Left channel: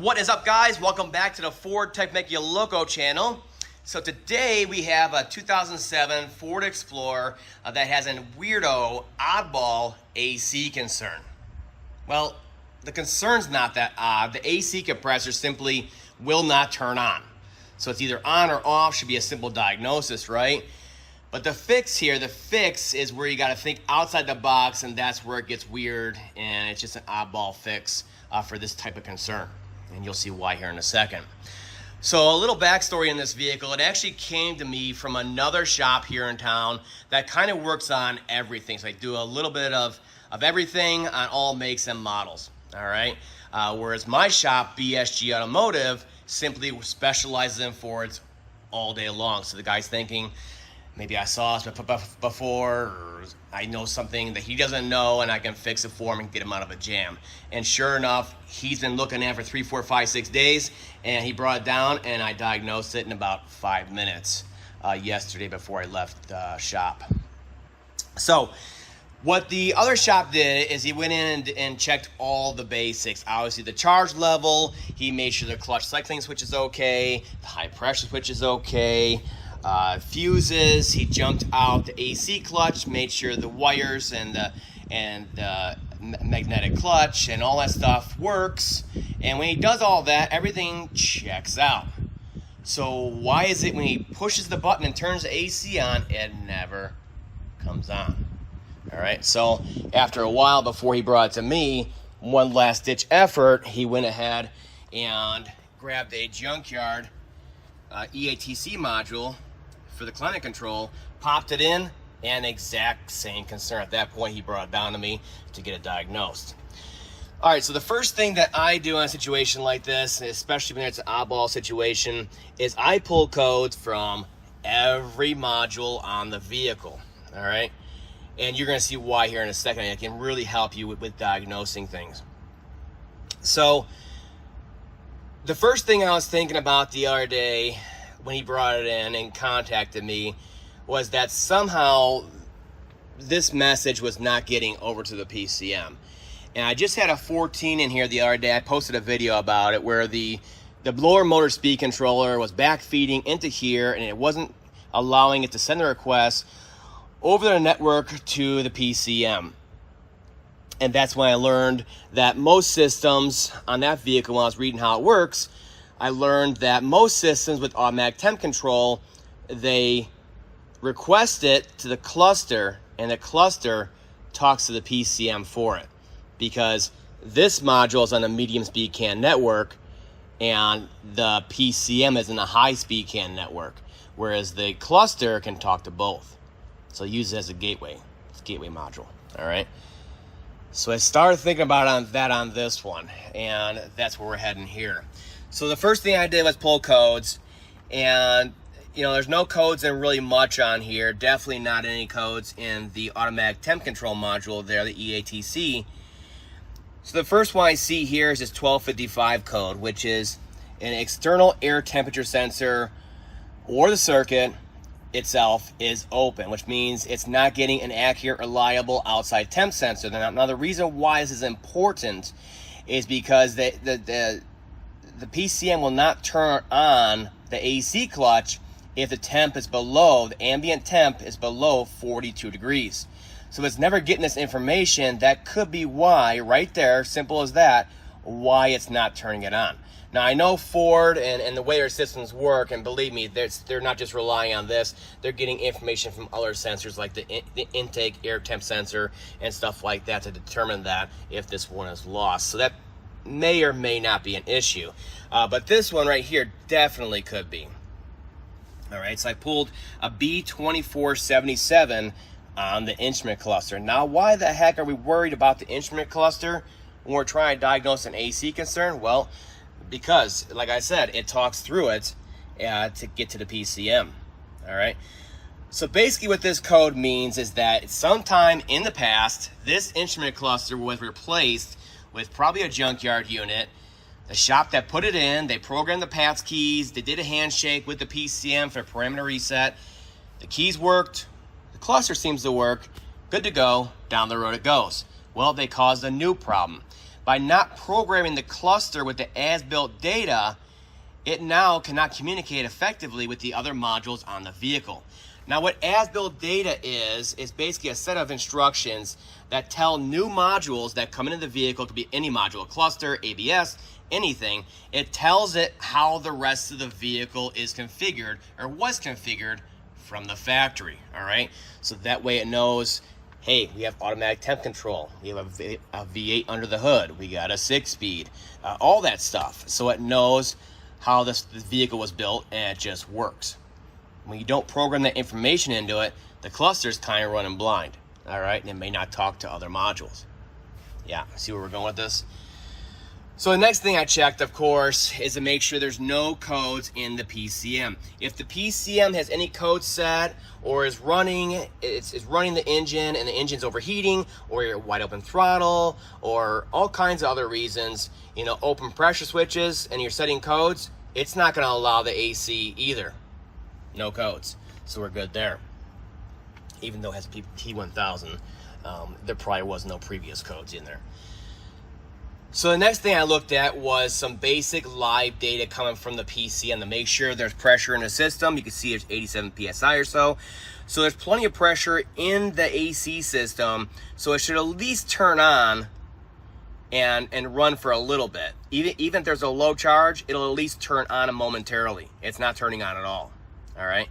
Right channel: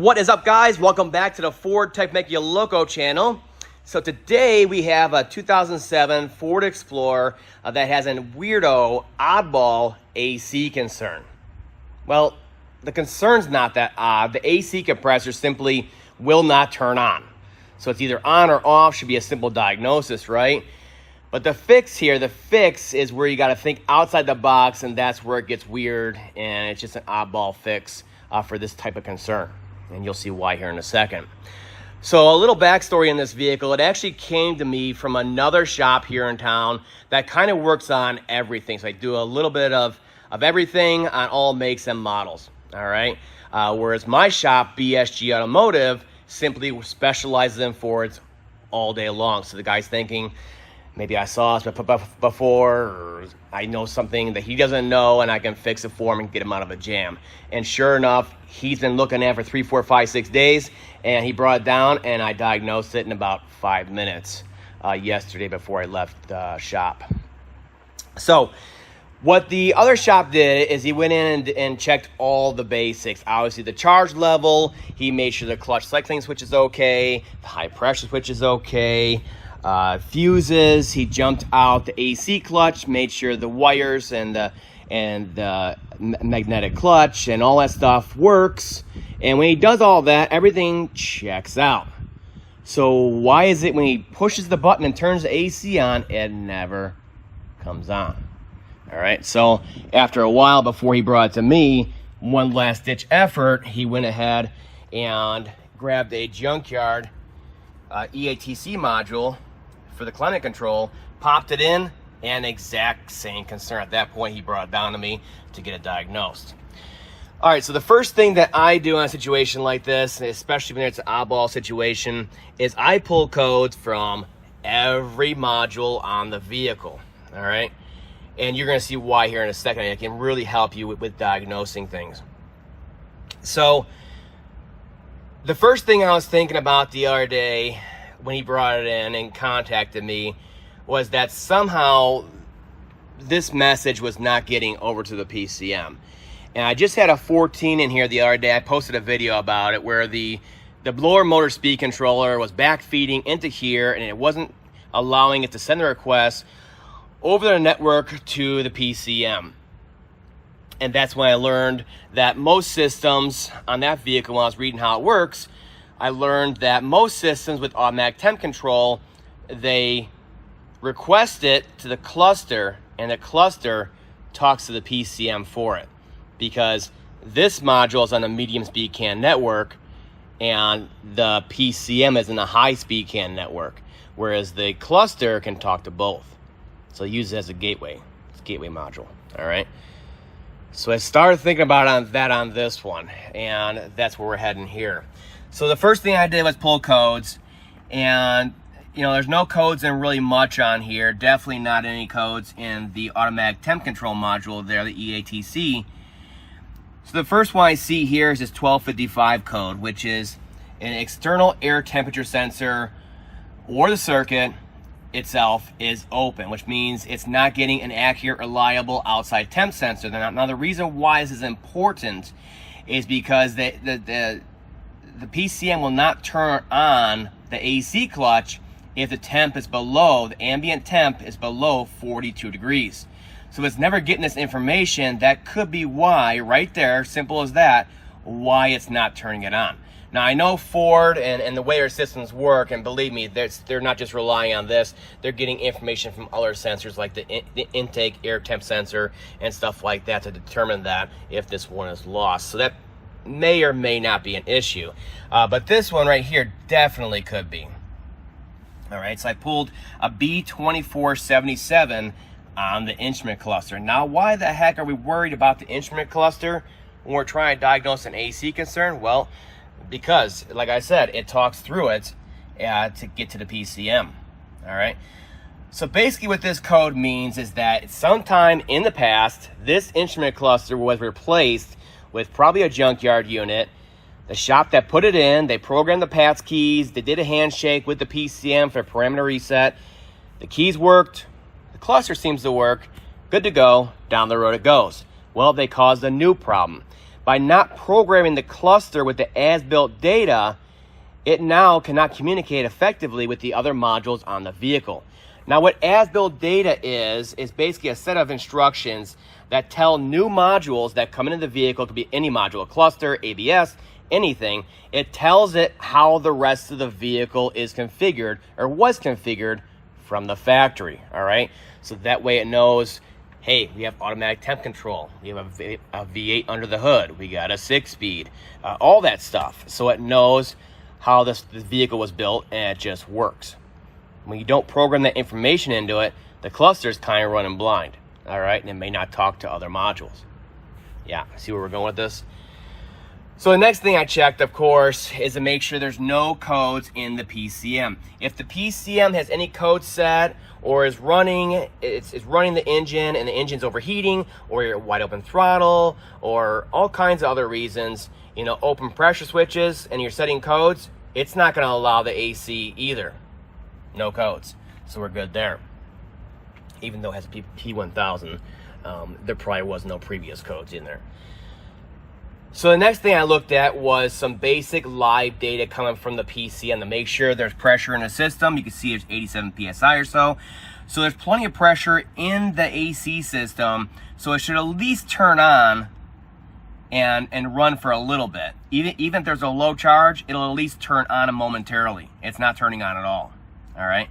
What is up, guys? Welcome back to the FordTechMakuloco channel. So today we have a 2007 Ford Explorer that has a weirdo, oddball AC concern. Well, the concern's not that odd. The AC compressor simply will not turn on. So it's either on or off, should be a simple diagnosis, right? But the fix is where you got to think outside the box, and that's where it gets weird, and it's just an oddball fix for this type of concern. And you'll see why here in a second. So a little backstory in this vehicle, it actually came to me from another shop here in town that kind of works on everything. So I do a little bit of everything on all makes and models, all right? Whereas my shop, BSG Automotive, simply specializes in Fords all day long. So the guy's thinking, maybe I saw us before, or I know something that he doesn't know and I can fix it for him and get him out of a jam. And sure enough, he's been looking at it for 3, 4, 5, 6 days, and he brought it down and I diagnosed it in about 5 minutes yesterday before I left the shop. So what the other shop did is he went in and checked all the basics. Obviously the charge level, he made sure the clutch cycling switch is okay, the high pressure switch is okay, fuses, he jumped out the AC clutch, made sure the wires and the magnetic clutch and all that stuff works. And when he does all that, everything checks out. So why is it when he pushes the button and turns the AC on, it never comes on? All right, so after a while before he brought it to me, one last ditch effort, he went ahead and grabbed a junkyard EATC module for the climate control, popped it in, and exact same concern. At that point, he brought it down to me to get it diagnosed. All right, so the first thing that I do in a situation like this, especially when it's an oddball situation, is I pull codes from every module on the vehicle, all right? And you're gonna see why here in a second. I can really help you with diagnosing things. So the first thing I was thinking about the other day when he brought it in and contacted me was that somehow this message was not getting over to the PCM. And I just had a 14 in here the other day. I posted a video about it where the blower motor speed controller was backfeeding into here and it wasn't allowing it to send the request over the network to the PCM. And that's when I learned that most systems on that vehicle, when I was reading how it works, I learned that most systems with automatic temp control, they request it to the cluster and the cluster talks to the PCM for it, because this module is on the medium speed CAN network and the PCM is in the high speed CAN network, whereas the cluster can talk to both. So use it as a gateway. It's a gateway module, all right? So I started thinking about that on this one, and that's where we're heading here. So the first thing I did was pull codes, and you know, there's no codes in really much on here. Definitely not any codes in the automatic temp control module there, the EATC. So the first one I see here is this 1255 code, which is an external air temperature sensor, or the circuit itself is open, which means it's not getting an accurate, reliable outside temp sensor. Now the reason why this is important is because the PCM will not turn on the AC clutch if the temp is below, the ambient temp is below 42 degrees. So it's never getting this information. That could be why, right there, simple as that, why it's not turning it on. Now I know Ford and the way their systems work, and believe me, they're not just relying on this, they're getting information from other sensors like the intake air temp sensor and stuff like that to determine that if this one is lost. So that may or may not be an issue. But this one right here definitely could be. All right, so I pulled a B2477 on the instrument cluster. Now, why the heck are we worried about the instrument cluster when we're trying to diagnose an AC concern? Well, because, like I said, it talks through it to get to the PCM, all right? So basically what this code means is that sometime in the past, this instrument cluster was replaced with probably a junkyard unit. The shop that put it in, they programmed the pass keys, they did a handshake with the PCM for parameter reset. The keys worked, the cluster seems to work, good to go, down the road it goes. Well, they caused a new problem. by not programming the cluster with the as-built data, it now cannot communicate effectively with the other modules on the vehicle. Now what as-built data is basically a set of instructions that tell new modules that come into the vehicle. It could be any module, a cluster, ABS, anything. It tells it how the rest of the vehicle is configured or was configured from the factory, all right? So that way it knows, hey, we have automatic temp control. We have a V8 under the hood. We got a 6-speed, all that stuff. So it knows how this vehicle was built, and it just works. When you don't program that information into it, the cluster's kind of running blind, all right? And it may not talk to other modules. Yeah, see where we're going with this? So the next thing I checked, of course, is to make sure there's no codes in the PCM. If the PCM has any code set or is running, it's running the engine and the engine's overheating, or you're wide open throttle, or all kinds of other reasons, you know, open pressure switches, and you're setting codes, it's not going to allow the AC either. No codes. So we're good there. Even though it has a P1000, there probably was no previous codes in there. So the next thing I looked at was some basic live data coming from the PCM to make sure there's pressure in the system. You can see it's 87 PSI or so. So there's plenty of pressure in the AC system. So it should at least turn on and run for a little bit. Even if there's a low charge, it'll at least turn on momentarily. It's not turning on at all, all right?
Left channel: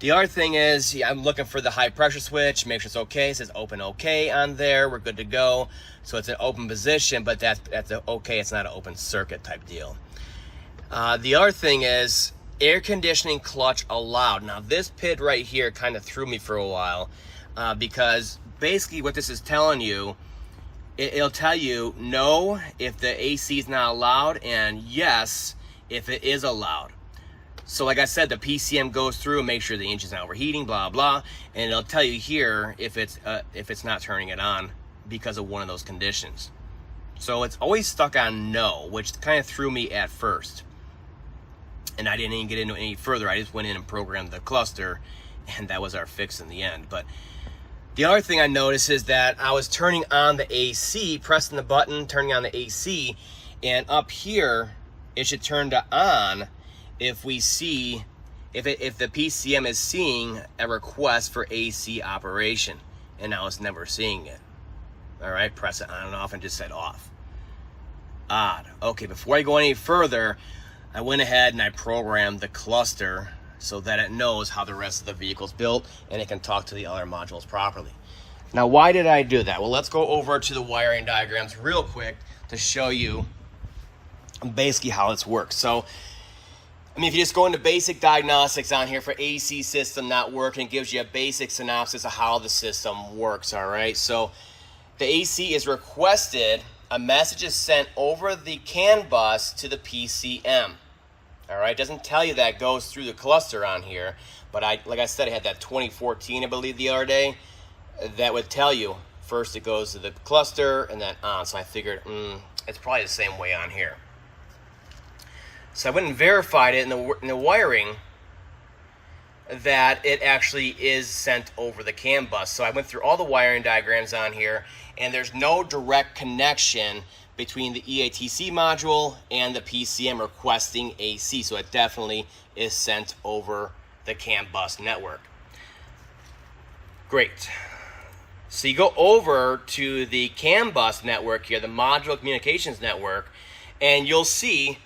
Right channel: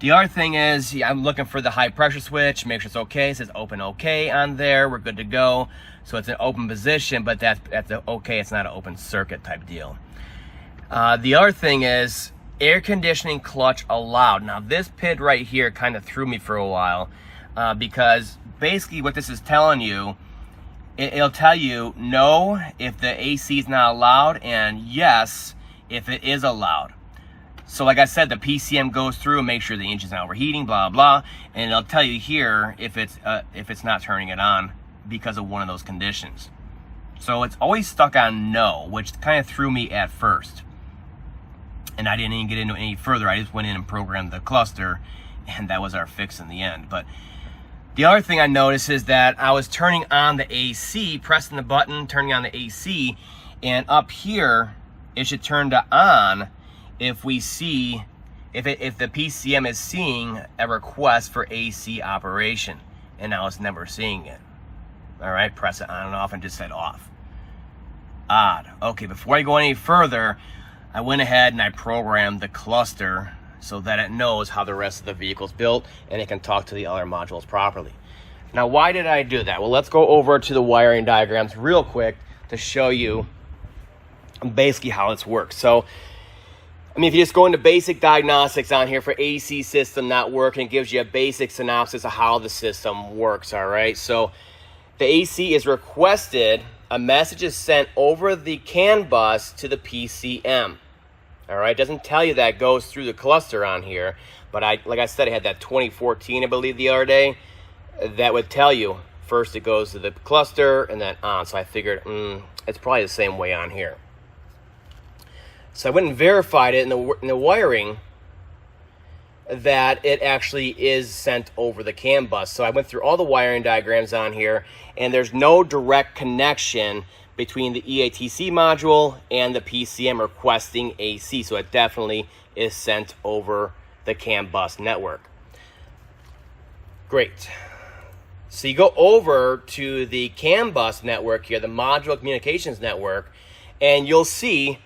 The other thing is, I'm looking for the high pressure switch, make sure it's okay. It says open okay on there, we're good to go. So it's an open position, but that's okay, it's not an open circuit type deal. The other thing is air conditioning clutch allowed. Now this PID right here kind of threw me for a while because basically what this is telling you, it'll tell you no if the AC is not allowed, and yes if it is allowed. So like I said, the PCM goes through and makes sure the engine's not overheating, blah, blah, and it'll tell you here if it's not turning it on because of one of those conditions. So it's always stuck on no, which kind of threw me at first. And I didn't even get into it any further. I just went in and programmed the cluster, and that was our fix in the end. But the other thing I noticed is that I was turning on the AC, pressing the button, turning on the AC, and up here, it should turn to on if we see, if the PCM is seeing a request for AC operation, and now it's never seeing it. All right, press it on and off and just said off. Odd. Okay, before I go any further, I went ahead and I programmed the cluster so that it knows how the rest of the vehicle's built and it can talk to the other modules properly. Now, why did I do that? Well, let's go over to the wiring diagrams real quick to show you basically how this works. So, I mean, if you just go into basic diagnostics on here for AC system not working, it gives you a basic synopsis of how the system works, all right? So the AC is requested, a message is sent over the CAN bus to the PCM, all right? It doesn't tell you that goes through the cluster on here, but like I said, I had that 2014, I believe, the other day, that would tell you first it goes to the cluster and then on. So I figured, it's probably the same way on here. So I went and verified it in the wiring that it actually is sent over the CAN bus. So I went through all the wiring diagrams on here, and there's no direct connection between the EATC module and the PCM requesting AC. So it definitely is sent over the CAN bus network. Great. So you go over to the CAN bus network here, the module communications network, and you'll see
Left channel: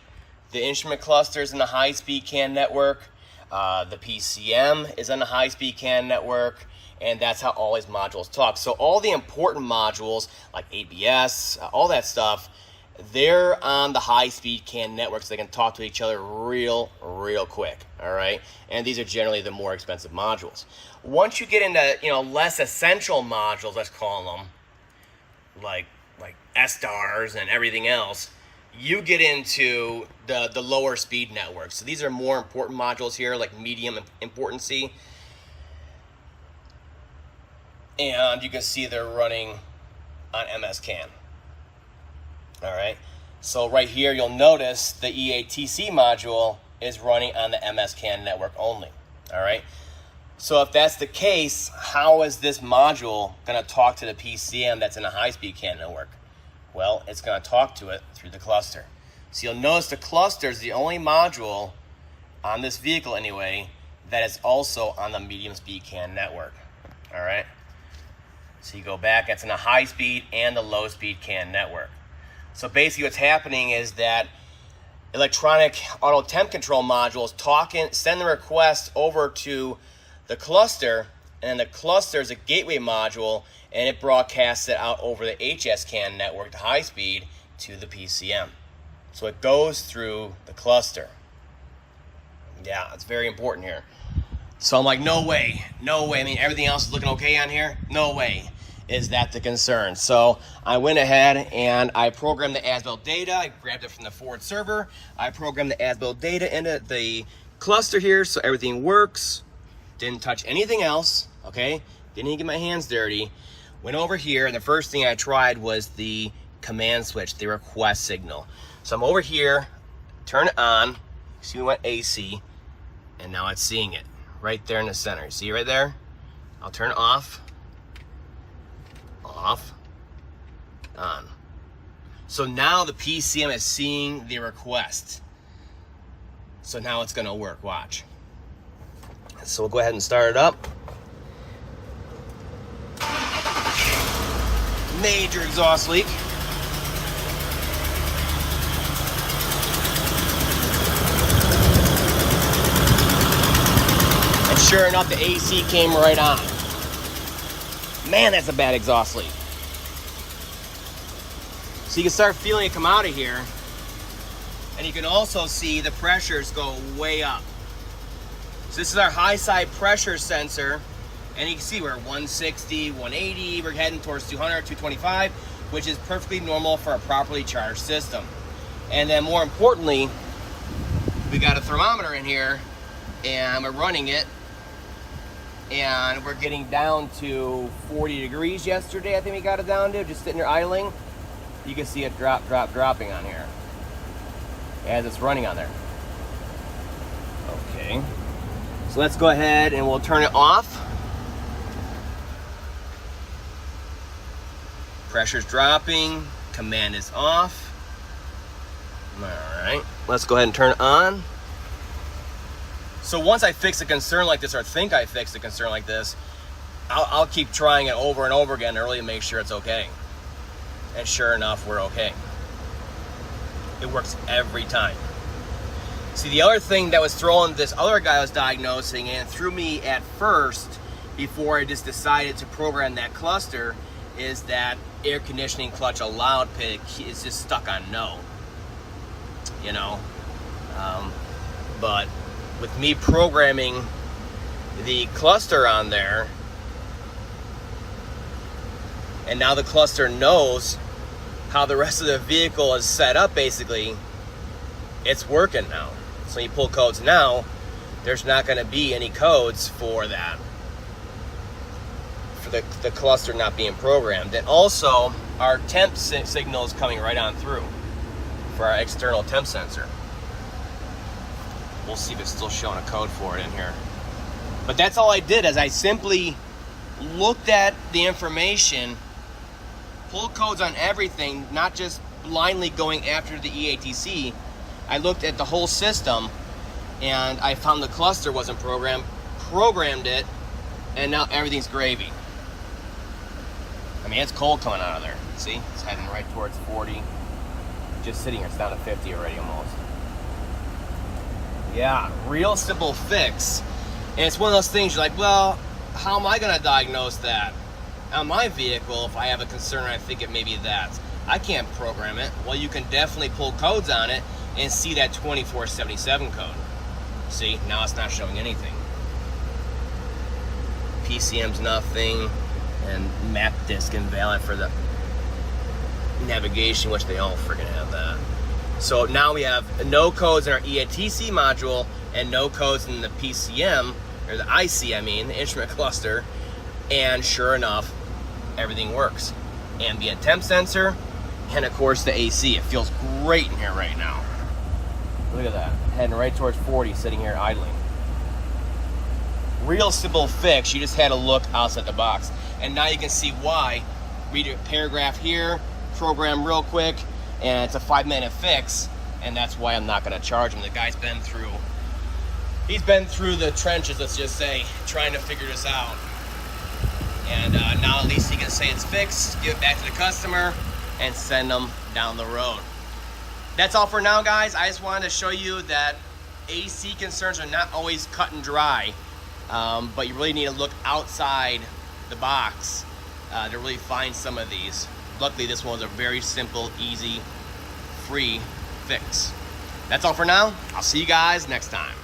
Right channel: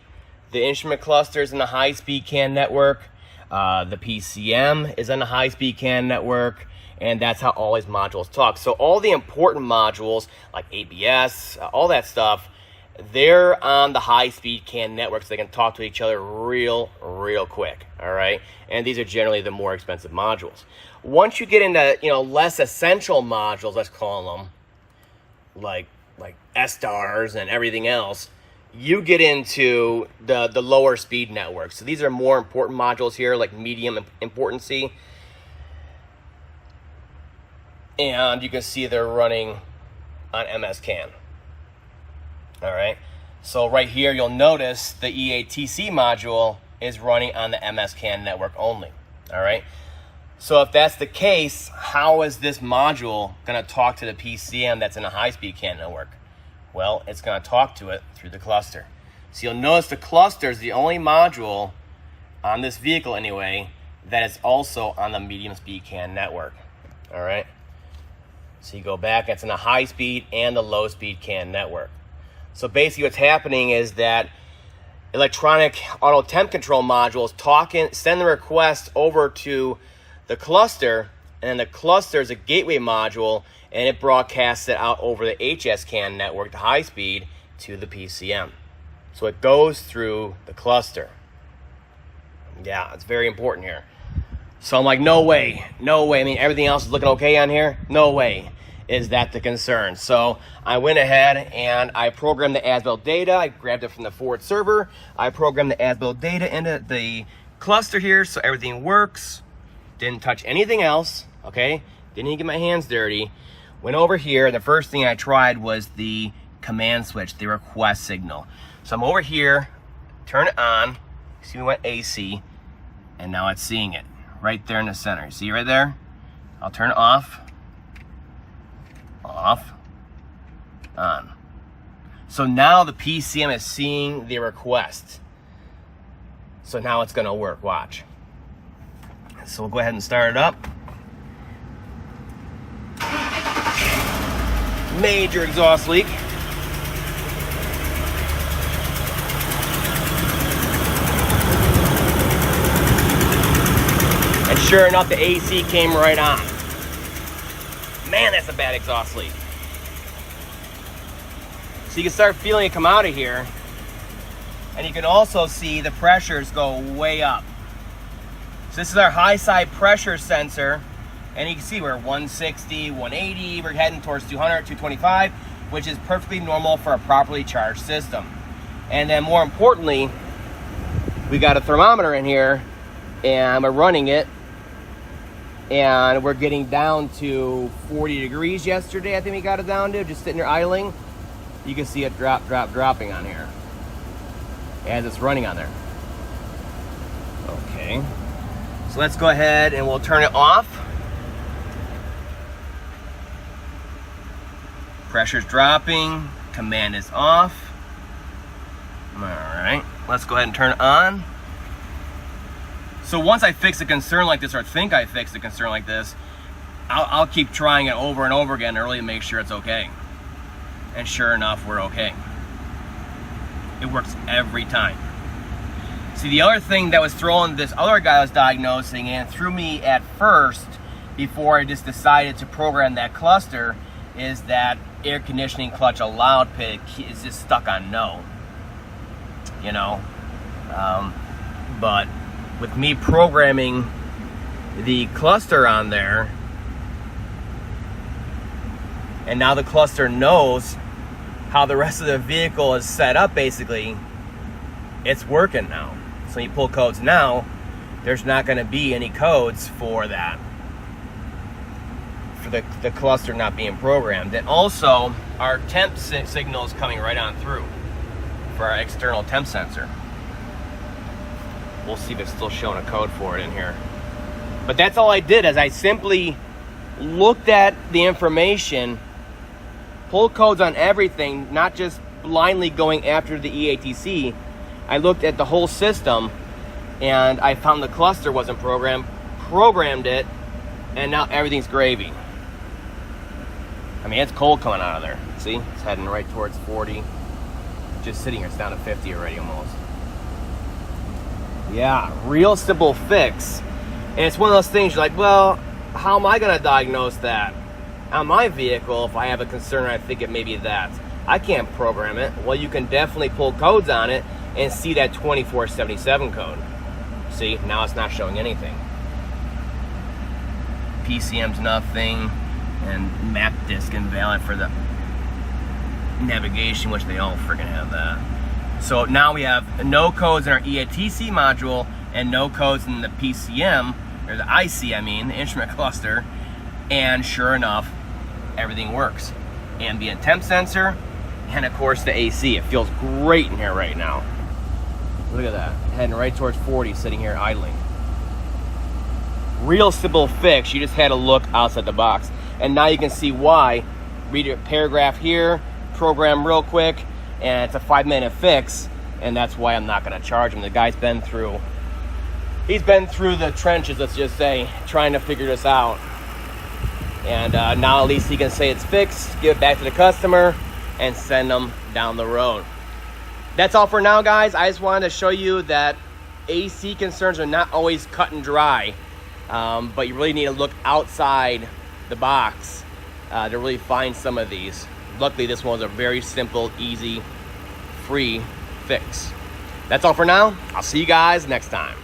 the instrument clusters in the high-speed CAN network. The PCM is on the high-speed CAN network, and that's how all these modules talk. So all the important modules like ABS, all that stuff, they're on the high-speed CAN network, so they can talk to each other real quick, all right? And these are generally the more expensive modules. Once you get into, you know, less essential modules, let's call them, like S-stars and everything else, you get into the lower speed network. So these are more important modules here, like medium importancy. And you can see they're running on MS-CAN. All right. So right here, you'll notice the EATC module is running on the MS-CAN network only. All right. So if that's the case, how is this module going to talk to the PCM that's in a high-speed CAN network? Well, it's going to talk to it through the cluster. So you'll notice the cluster is the only module on this vehicle anyway that is also on the medium speed CAN network. All right. So you go back, it's in the high speed and the low speed CAN network. So basically what's happening is that electronic auto temp control module is send the request over to the cluster, and then the cluster is a gateway module, and it broadcasts it out over the HS CAN network, the high speed, to the PCM. So it goes through the cluster. Yeah, it's very important here. So I'm like, no way. I mean, everything else is looking okay on here. No way is that the concern. So I went ahead and I programmed the as-built data. I grabbed it from the Ford server. I programmed the as-built data into the cluster here so everything works. Didn't touch anything else, okay? Didn't even get my hands dirty. Went over here, and the first thing I tried was the command switch, the request signal. So I'm over here, turn it on. See, we went AC, and now it's seeing it right there in the center. You see it right there? I'll turn it off, on. So now the PCM is seeing the request. So now it's gonna work, watch. So we'll go ahead and start it up. Major exhaust leak. And sure enough, the AC came right on. Man, that's a bad exhaust leak. So you can start feeling it come out of here. And you can also see the pressures go way up. So this is our high side pressure sensor. And you can see we're 160, 180, we're heading towards 200, 225, which is perfectly normal for a properly charged system. And then more importantly, we got a thermometer in here, and we're running it, and we're getting down to 40 degrees yesterday. I think we got it down to, just sitting there idling. You can see it dropping on here as it's running on there. Okay, so let's go ahead and we'll turn it off. Pressure's dropping, command is off. All right, let's go ahead and turn it on. So once I fix a concern like this, or think I fixed a concern like this, I'll keep trying it over and over again early to make sure it's okay. And sure enough, we're okay. It works every time. See, the other thing that was throwing this other guy was diagnosing and threw me at first before I just decided to program that cluster is that air conditioning clutch allowed pick is just stuck on no, you know. But with me programming the cluster on there, and now the cluster knows how the rest of the vehicle is set up, basically, it's working now. So when you pull codes now, there's not going to be any codes for that, for the cluster not being programmed. And also, our temp signal is coming right on through for our external temp sensor. We'll see if it's still showing a code for it in here. But that's all I did, is I simply looked at the information, pulled codes on everything, not just blindly going after the EATC. I looked at the whole system, and I found the cluster wasn't programmed it, and now everything's gravy. I mean, it's cold coming out of there. See, it's heading right towards 40. Just sitting here, it's down to 50 already almost. Yeah, real simple fix. And it's one of those things you're like, well, how am I gonna diagnose that on my vehicle if I have a concern I think it may be that? I can't program it. Well, you can definitely pull codes on it and see that 2477 code. See, now it's not showing anything. PCM's nothing, and map disk invalid for the navigation, which they all freaking have that. So now we have no codes in our EATC module and no codes in the PCM, or the IC, I mean, the instrument cluster, and sure enough, everything works. Ambient temp sensor, and of course the AC. It feels great in here right now. Look at that, heading right towards 40, sitting here idling. Real simple fix, you just had to look outside the box. And now you can see why. Read a paragraph here, program real quick, and it's a 5-minute fix, and that's why I'm not going to charge him. The guy's been through the trenches, let's just say, trying to figure this out. And now at least he can say it's fixed, give it back to the customer, and send them down the road. That's all for now, guys. I just wanted to show you that AC concerns are not always cut and dry, but you really need to look outside the box to really find some of these. Luckily, this one was a very simple, easy, free fix. That's all for now. I'll see you guys next time.